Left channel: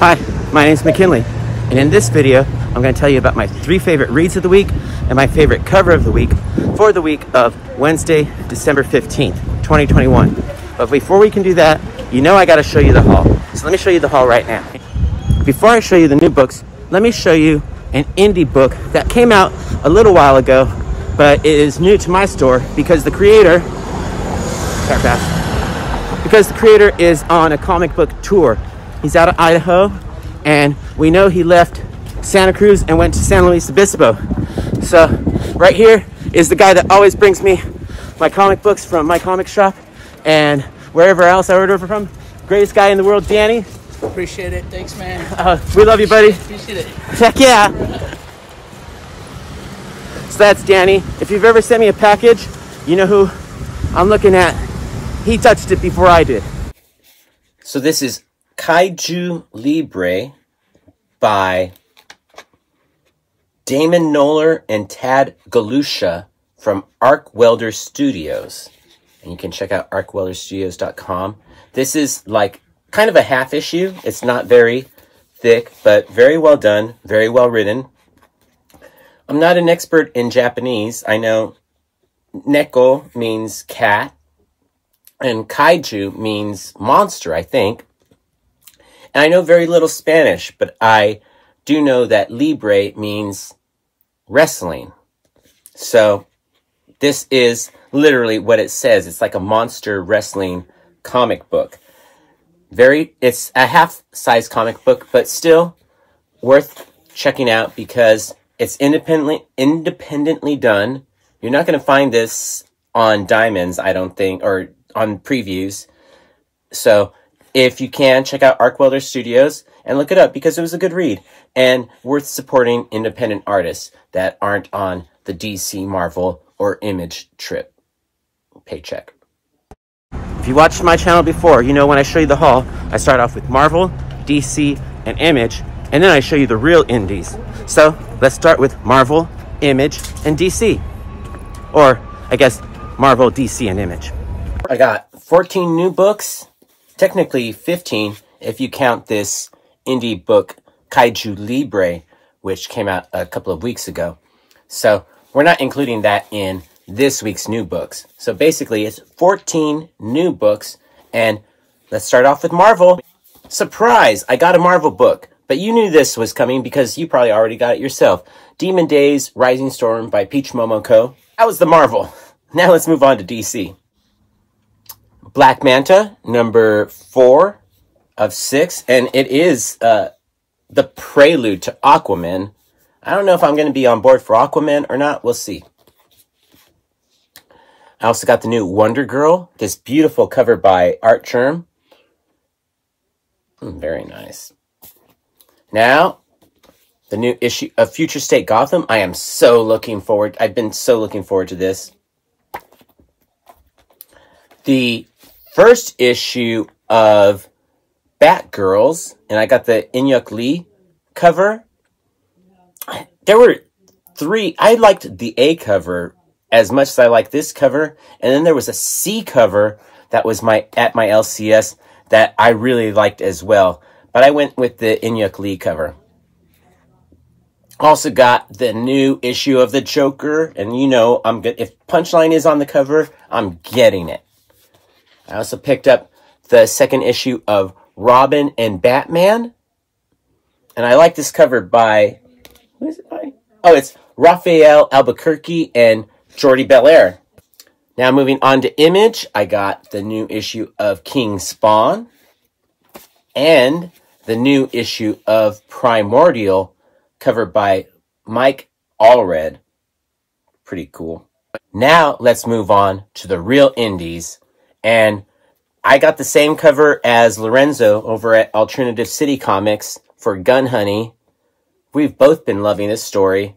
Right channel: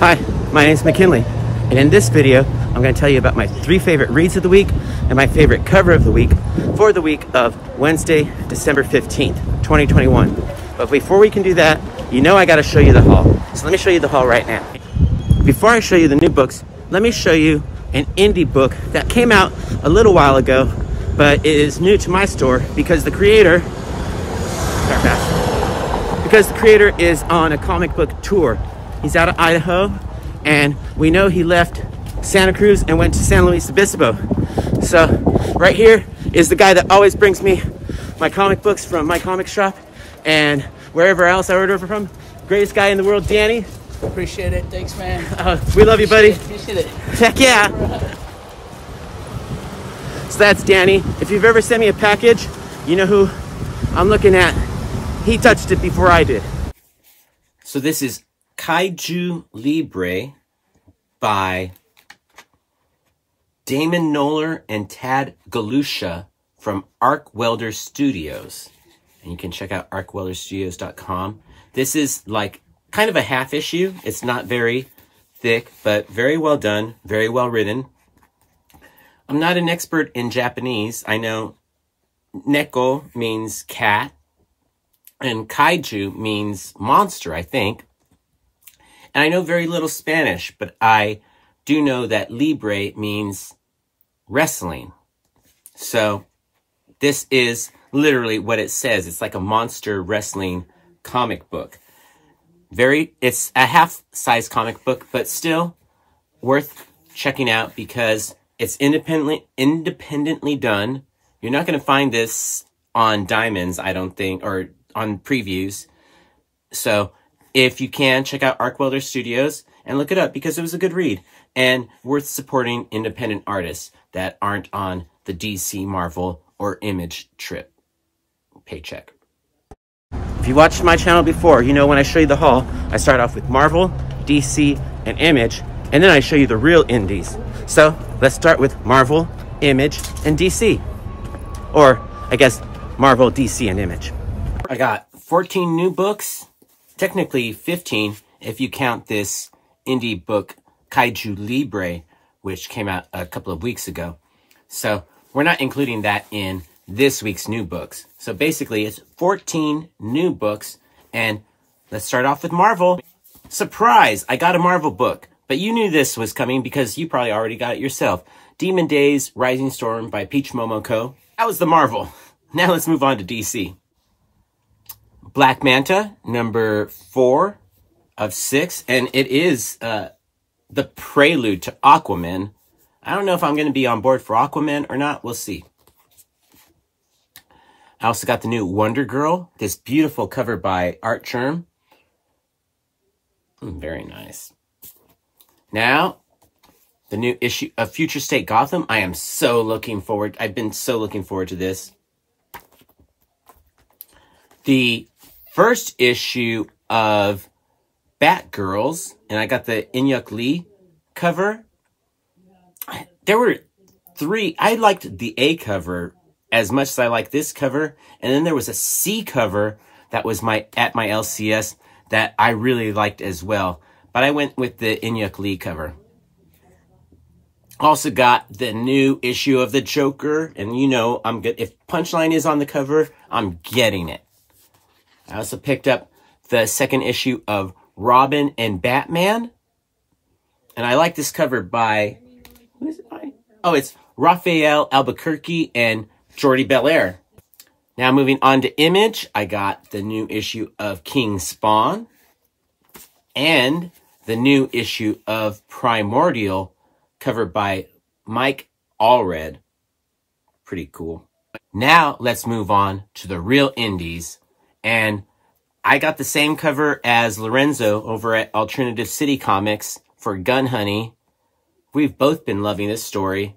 Hi, my name's McKinley, and in this video, I'm going to tell you about my 3 favorite reads of the week and my favorite cover of the week for the week of Wednesday, December 15th, 2021. But before we can do that, you know I got to show you the haul. So let me show you the haul right now. Before I show you the new books, let me show you an indie book that came out a little while ago, but it is new to my store because the creator, is on a comic book tour. He's out of Idaho, and we know he left Santa Cruz and went to San Luis Obispo. So right here is the guy that always brings me my comic books from my comic shop and wherever else I order from. Greatest guy in the world, Danny. Appreciate it. Thanks, man. We love you, buddy. Appreciate it. Heck yeah. So that's Danny. If you've ever sent me a package, you know who I'm looking at. He touched it before I did. So this is Kaiju Libre by Damon Knoller and Tad Galusha from Arc Welder Studios. And you can check out arcwelderstudios.com. This is like kind of a half issue. It's not very thick, but very well done, very well written. I'm not an expert in Japanese. I know neko means cat, and kaiju means monster, I think. And I know very little Spanish, but I do know that Libre means wrestling. So this is literally what it says. It's like a monster wrestling comic book. It's a half-size comic book, but still worth checking out because it's independently done. You're not going to find this on Diamonds, I don't think, or on previews. So if you can, check out Arc Welder Studios and look it up because it was a good read and worth supporting independent artists that aren't on the DC, Marvel, or Image trip paycheck. If you watched my channel before, you know when I show you the haul, I start off with Marvel, DC, and Image, and then I show you the real indies. So let's start with Marvel, Image, and DC. Or, I guess, Marvel, DC, and Image. I got 14 new books. Technically 15 if you count this indie book Kaiju Libre, which came out a couple of weeks ago. So we're not including that in this week's new books. So basically it's 14 new books, and let's start off with Marvel. Surprise! I got a Marvel book, but you knew this was coming because you probably already got it yourself. Demon Days Rising Storm by Peach Momoko. That was the Marvel. Now let's move on to DC. Black Manta, number 4 of 6, and it is the prelude to Aquaman. I don't know if I'm going to be on board for Aquaman or not. We'll see. I also got the new Wonder Girl, this beautiful cover by Art Germ. Very nice. Now, the new issue of Future State Gotham. I am so looking forward. I've been so looking forward to this. The first issue of Batgirls, and I got the Inyuk Lee cover. There were 3. I liked the A cover as much as I like this cover, and then there was a C cover that was at my LCS that I really liked as well. But I went with the Inyuk Lee cover. Also got the new issue of the Joker, and you know I'm good. If Punchline is on the cover, I'm getting it. I also picked up the second issue of Robin and Batman. And I like this cover by, who is it by? Oh, it's Raphael Albuquerque and Jordi Belair. Now moving on to Image, I got the new issue of King Spawn and the new issue of Primordial, covered by Mike Allred. Pretty cool. Now let's move on to the real indies. And I got the same cover as Lorenzo over at Alternative City Comics for Gun Honey. We've both been loving this story.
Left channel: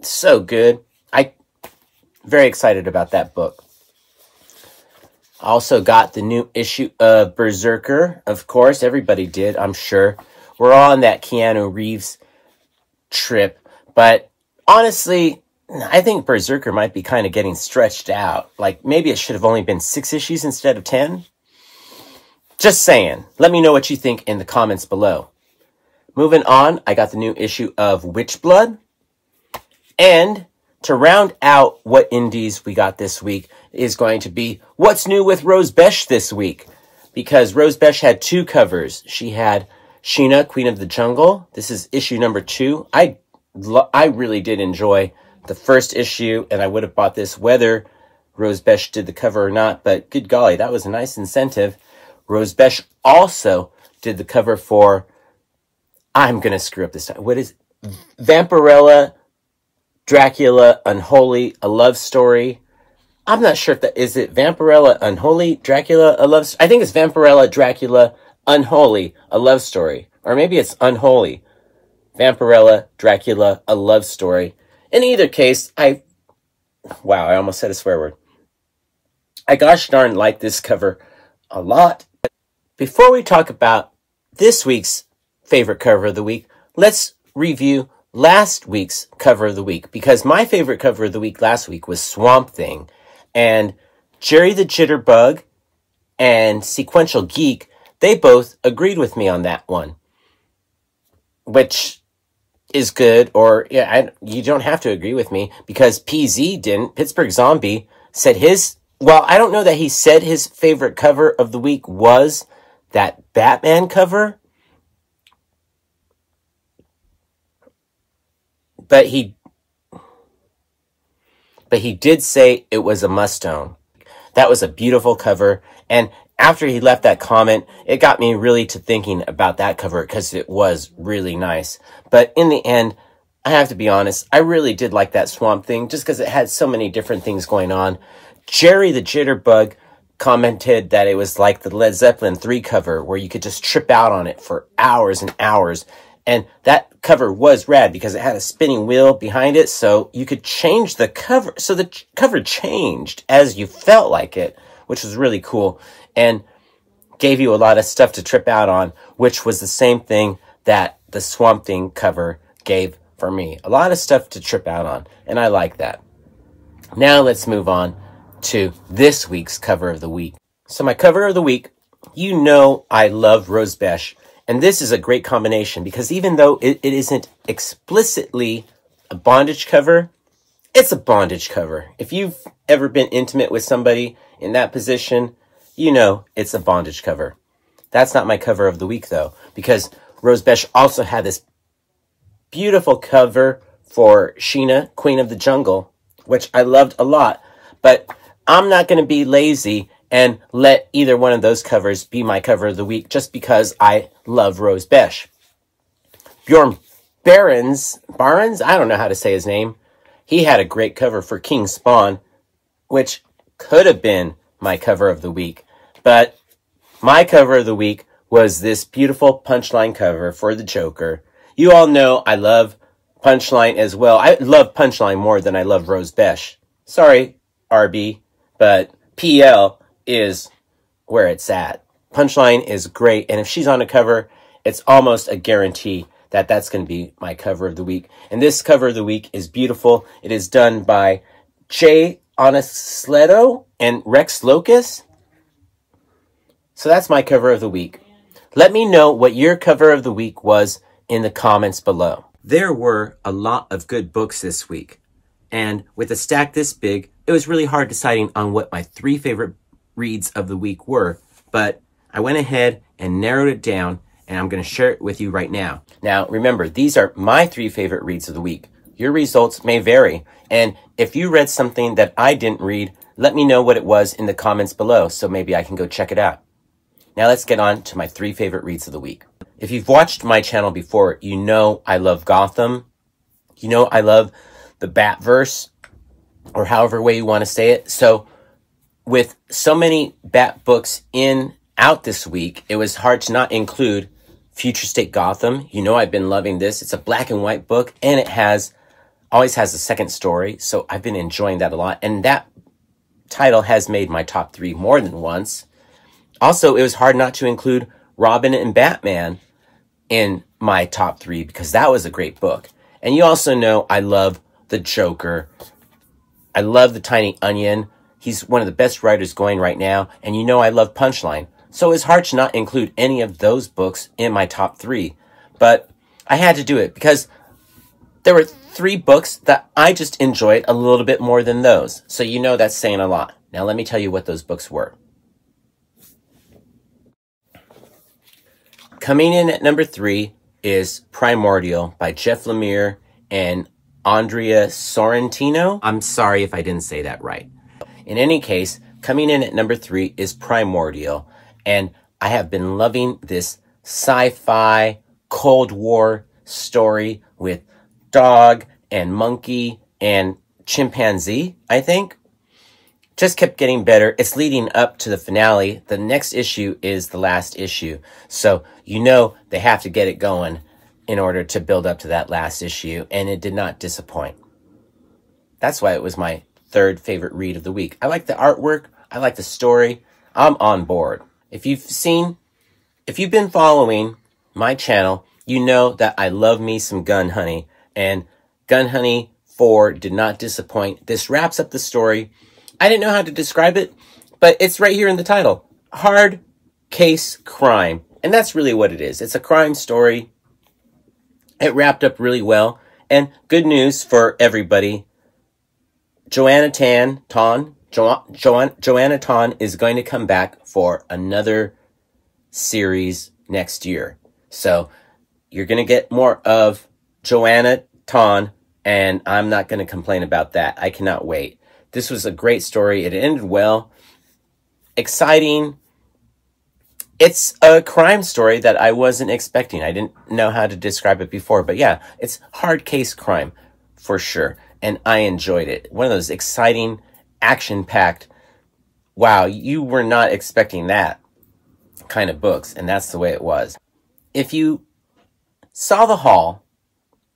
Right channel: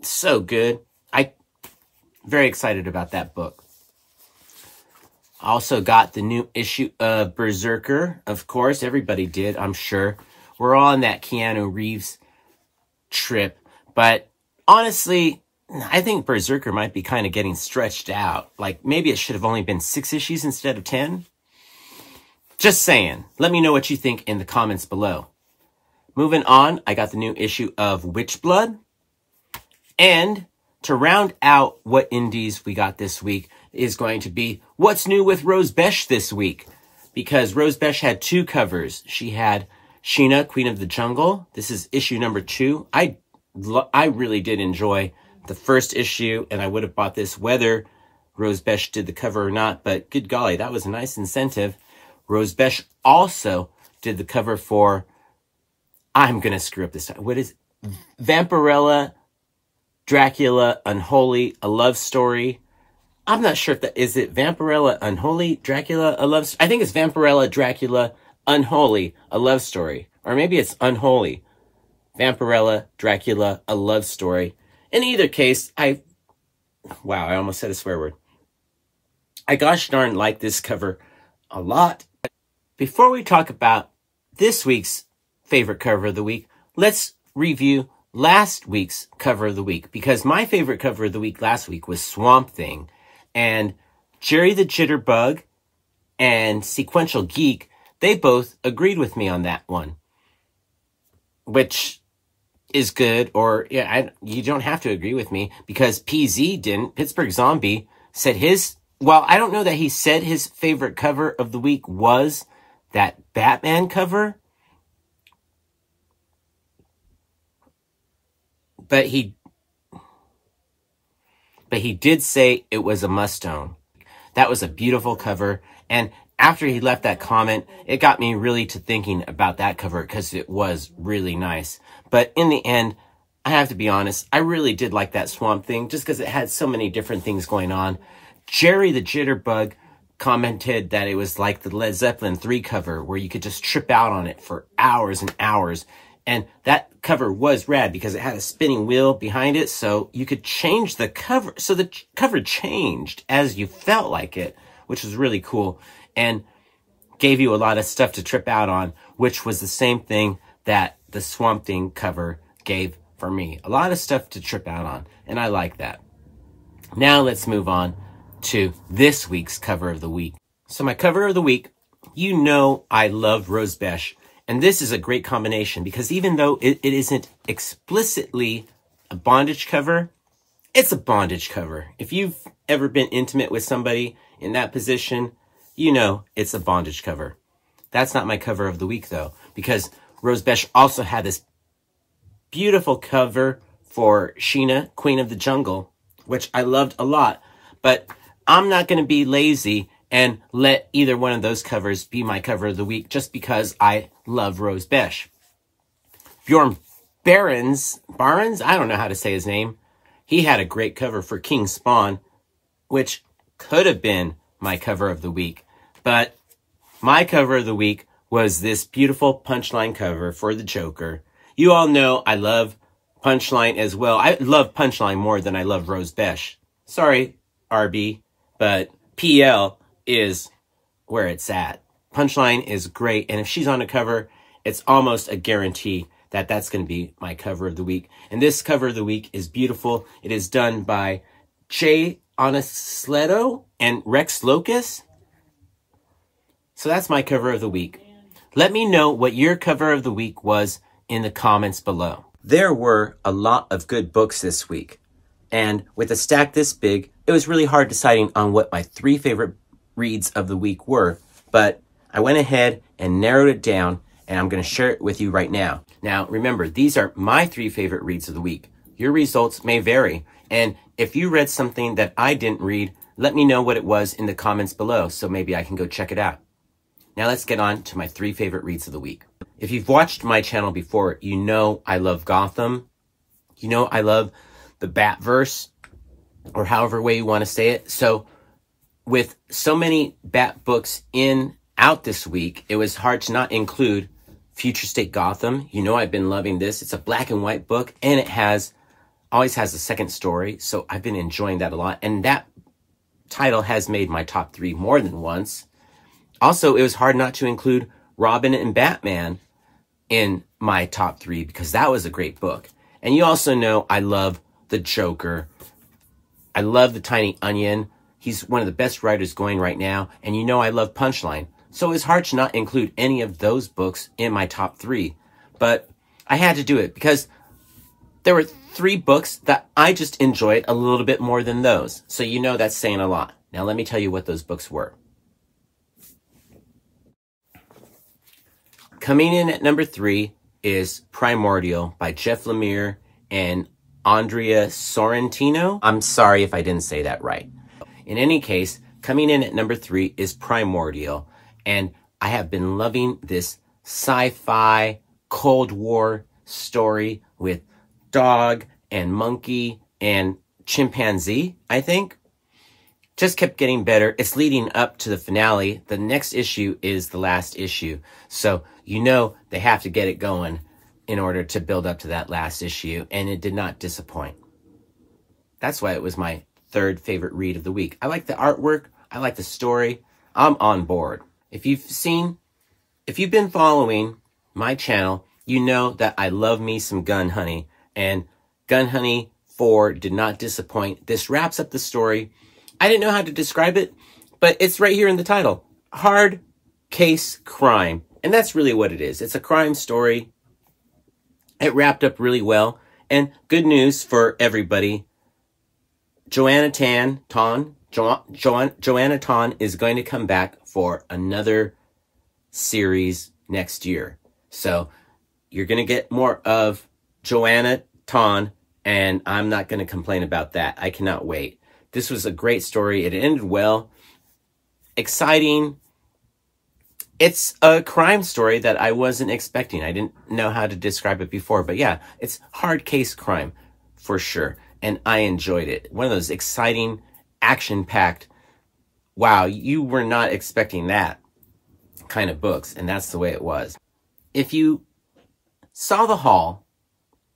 It's so good. I'm very excited about that book. I also got the new issue of Berserker. Of course, everybody did, I'm sure. We're all on that Keanu Reeves trip. But honestly, I think Berserker might be kind of getting stretched out. Like, maybe it should have only been 6 issues instead of 10. Just saying. Let me know what you think in the comments below. Moving on, I got the new issue of Witchblood. And to round out what indies we got this week is going to be what's new with Rose Besh this week. Because Rose Besh had 2 covers. She had Sheena, Queen of the Jungle. This is issue number 2. I really did enjoy the first issue, and I would have bought this whether Rose Besh did the cover or not, but good golly, that was a nice incentive. Rose Besh also did the cover for, I'm going to screw up this time. What is it? Vampirella, Dracula, Unholy, A Love Story. I'm not sure if that, is it Vampirella, Unholy, Dracula, A Love Story? I think it's Vampirella, Dracula, Unholy, A Love Story. Or maybe it's Unholy, Vampirella, Dracula, A Love Story. In either case, wow, I almost said a swear word. I gosh darn like this cover a lot. Before we talk about this week's favorite cover of the week, let's review last week's cover of the week. Because my favorite cover of the week last week was Swamp Thing. And Jerry the Jitterbug and Sequential Geek, they both agreed with me on that one. Which is good, or yeah, you don't have to agree with me, because PZ didn't. Pittsburgh Zombie said his, well, I don't know that he said his favorite cover of the week was that Batman cover, but he did say it was a must-own. That was a beautiful cover, and after he left that comment, it got me really to thinking about that cover because it was really nice. But in the end, I have to be honest, I really did like that Swamp Thing just because it had so many different things going on. Jerry the Jitterbug commented that it was like the Led Zeppelin 3 cover where you could just trip out on it for hours and hours. And that cover was rad because it had a spinning wheel behind it, so you could change the cover. So the cover changed as you felt like it, which was really cool. And gave you a lot of stuff to trip out on, which was the same thing that the Swamp Thing cover gave for me. A lot of stuff to trip out on, and I like that. Now let's move on to this week's cover of the week. So my cover of the week, you know I love Rose Besh, and this is a great combination because even though it isn't explicitly a bondage cover, it's a bondage cover. If you've ever been intimate with somebody in that position, you know it's a bondage cover. That's not my cover of the week, though, because Rose Besh also had this beautiful cover for Sheena, Queen of the Jungle, which I loved a lot. But I'm not going to be lazy and let either one of those covers be my cover of the week just because I love Rose Besh. Bjorn Barons, I don't know how to say his name. He had a great cover for King Spawn, which could have been my cover of the week. But my cover of the week was this beautiful Punchline cover for the Joker. You all know I love Punchline as well. I love Punchline more than I love Rose Besh. Sorry, RB, but PL is where it's at. Punchline is great, and if she's on a cover, it's almost a guarantee that that's going to be my cover of the week. And this cover of the week is beautiful. It is done by Jay Onesleto and Rex Locus. So that's my cover of the week. Let me know what your cover of the week was in the comments below. There were a lot of good books this week. And with a stack this big, it was really hard deciding on what my 3 favorite reads of the week were. But I went ahead and narrowed it down, and I'm going to share it with you right now. Now, remember, these are my 3 favorite reads of the week. Your results may vary. And if you read something that I didn't read, let me know what it was in the comments below so maybe I can go check it out. Now let's get on to my 3 favorite reads of the week. If you've watched my channel before, you know I love Gotham. You know I love the Batverse, or however way you want to say it. So with so many Bat books out this week, it was hard to not include Future State Gotham. You know I've been loving this. It's a black and white book, and it always has a second story. So I've been enjoying that a lot. And that title has made my top 3 more than once. Also, it was hard not to include Robin and Batman in my top 3 because that was a great book. And you also know I love the Joker. I love the Tiny Onion. He's one of the best writers going right now. And you know I love Punchline. So it's hard to not include any of those books in my top 3. But I had to do it because there were 3 books that I just enjoyed a little bit more than those. So you know that's saying a lot. Now let me tell you what those books were. Coming in at number 3 is Primordial by Jeff Lemire and Andrea Sorrentino. I'm sorry if I didn't say that right. In any case, coming in at number 3 is Primordial. And I have been loving this sci-fi Cold War story with dog and monkey and chimpanzee, I think. Just kept getting better. It's leading up to the finale. The next issue is the last issue. So you know they have to get it going in order to build up to that last issue. And it did not disappoint. That's why it was my 3rd favorite read of the week. I like the artwork. I like the story. I'm on board. If you've been following my channel, you know that I love me some Gun Honey. And Gun Honey 4 did not disappoint. This wraps up the story. I didn't know how to describe it, but it's right here in the title. Hard case crime. And that's really what it is. It's a crime story. It wrapped up really well. And good news for everybody. Joanna Ton is going to come back for another series next year. So you're going to get more of Joanna Ton, and I'm not going to complain about that. I cannot wait. This was a great story. It ended well. Exciting. It's a crime story that I wasn't expecting. I didn't know how to describe it before. But yeah, it's hard case crime for sure. And I enjoyed it. One of those exciting, action-packed, wow, you were not expecting that kind of books. And that's the way it was. If you saw the haul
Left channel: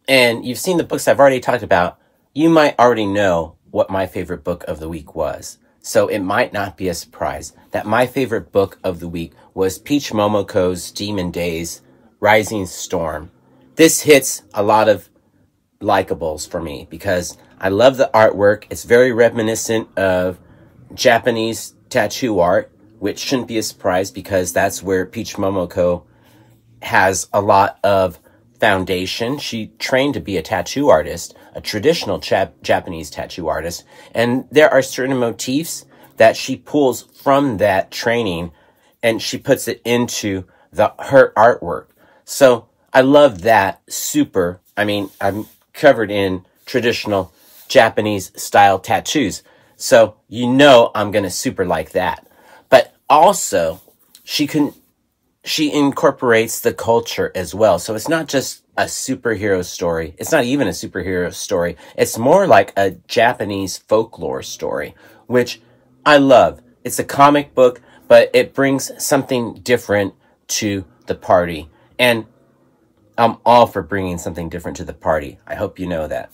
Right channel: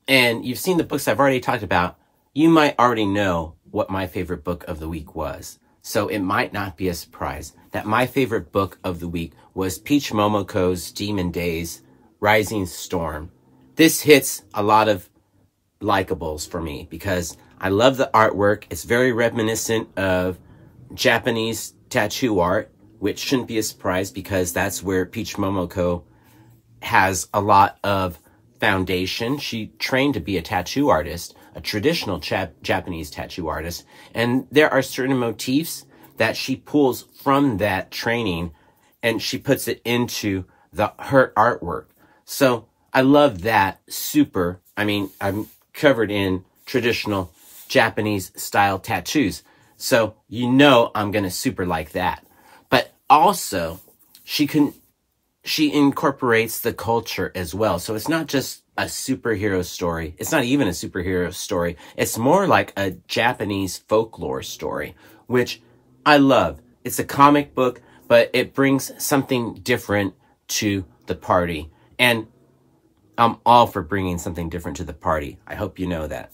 and you've seen the books I've already talked about, you might already know what my favorite book of the week was. So it might not be a surprise that my favorite book of the week was Peach Momoko's Demon Days, Rising Storm. This hits a lot of likables for me because I love the artwork. It's very reminiscent of Japanese tattoo art, which shouldn't be a surprise because that's where Peach Momoko has a lot of foundation. She trained to be a tattoo artist, a traditional Japanese tattoo artist, and there are certain motifs that she pulls from that training and she puts it into her artwork. So I love that super. I mean, I'm covered in traditional Japanese style tattoos, so you know I'm gonna super like that. But also she incorporates the culture as well. So it's not just a superhero story. It's not even a superhero story. It's more like a Japanese folklore story, which I love. It's a comic book, but it brings something different to the party. And I'm all for bringing something different to the party. I hope you know that.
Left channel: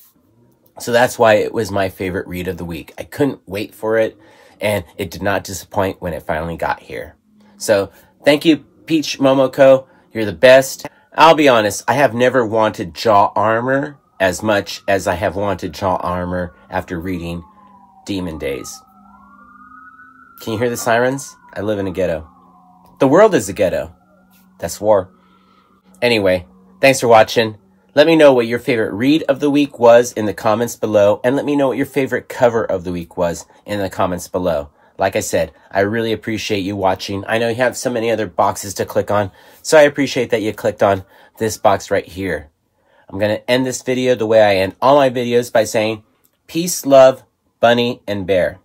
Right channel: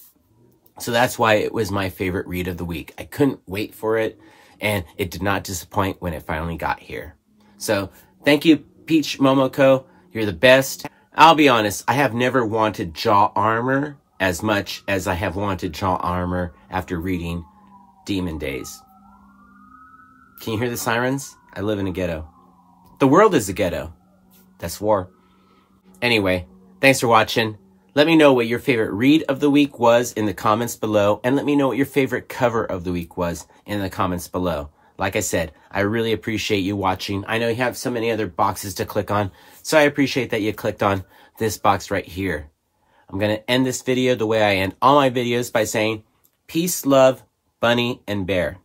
So that's why it was my favorite read of the week. I couldn't wait for it, and it did not disappoint when it finally got here. So thank you, Peach Momoko. You're the best. I'll be honest, I have never wanted jaw armor as much as I have wanted jaw armor after reading Demon Days. Can you hear the sirens? I live in a ghetto. The world is a ghetto. That's war. Anyway, thanks for watching. Let me know what your favorite read of the week was in the comments below, and let me know what your favorite cover of the week was in the comments below. Like I said, I really appreciate you watching. I know you have so many other boxes to click on, so I appreciate that you clicked on this box right here. I'm going to end this video the way I end all my videos by saying, peace, love, bunny, and bear.